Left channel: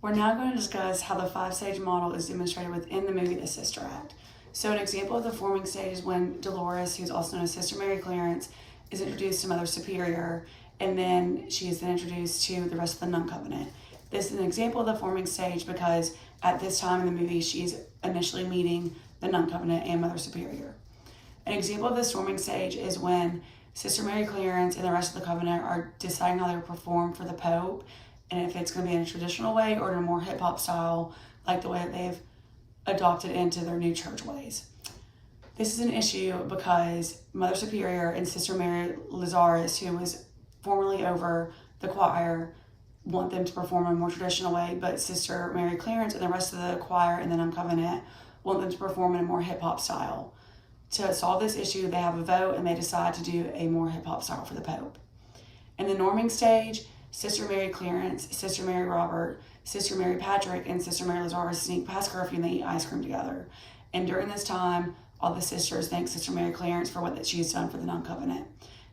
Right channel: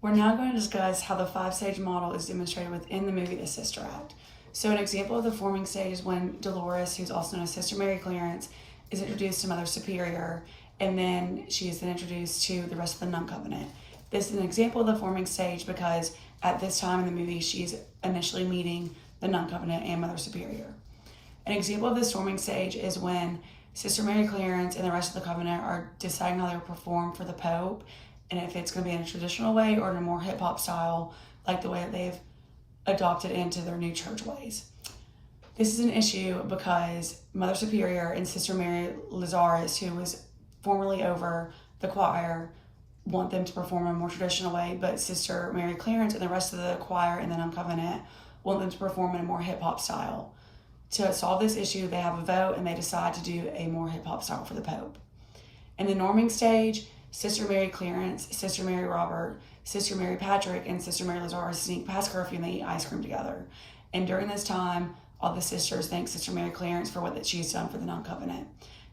We're now going to discuss how the five-stage model is demonstrated within the movie The Sister Act. So an example of the forming stage is when Dolores, who's also known as Sister Mary Clarence, is introduced to Mother Superior, and then she is then introduced to the rest of the Nun Covenant. This is an example of the forming stage because at this time in the movie, she's initially meeting the Nun Covenant and Mother Superior. An example of this forming stage is when Sister Mary Clarence and the rest of the Covenant are deciding how they will perform for the Pope, and if it's going to be in a traditional way or in a more hip-hop style, like the way that they've adopted into their new church ways. This is an issue because Mother Superior and Sister Mary Lazarus, who was formerly over the choir, want them to perform in a more traditional way, but Sister Mary Clarence and the rest of the choir in the Nun Covenant want them to perform in a more hip-hop style. To solve this issue, they have a vote and they decide to do a more hip-hop style for the Pope. In the norming stage, Sister Mary Clarence, Sister Mary Robert, Sister Mary Patrick, and Sister Mary Lazarus sneak past curfew and they eat ice cream together. And during this time, all the sisters thank Sister Mary Clarence for what she's done for the Nun Covenant.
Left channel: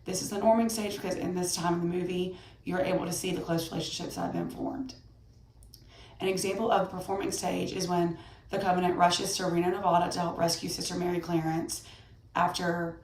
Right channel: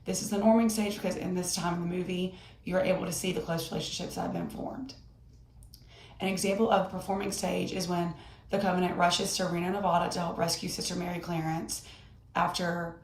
This is the norming stage because in this time in the movie, you're able to see the close relationships that have been formed. An example of the performing stage is when the Covenant rushes to Reno, Nevada to help rescue Sister Mary Clarence after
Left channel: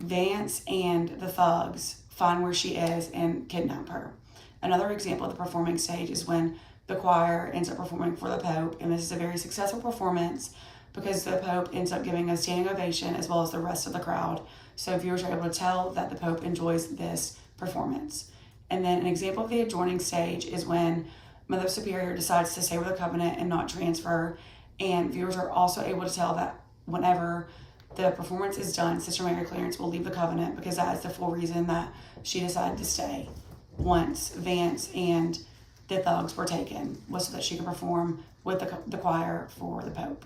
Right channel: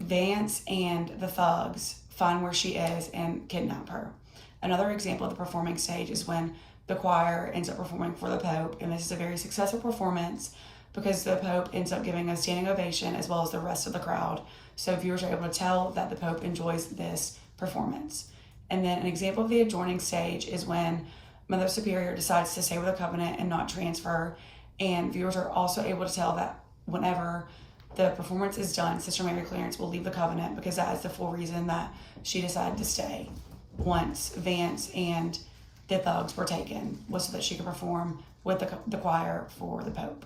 Vance and the thugs find where she is and kidnap her. Another example of the performing stage is when the choir ends up performing for the Pope, and this is a very successful performance because the Pope ends up giving a standing ovation as well as the rest of the crowd. So viewers are able to tell that the Pope enjoys this performance. And then an example of the adjoining stage is when Mother Superior decides to stay with the Covenant and not transfer, and viewers are also able to tell that whenever the performance is done, Sister Mary Clarence will leave the Covenant because that is the full reason that she decided to stay once Vance and the thugs were taken, was so that she could perform with the choir for the Pope.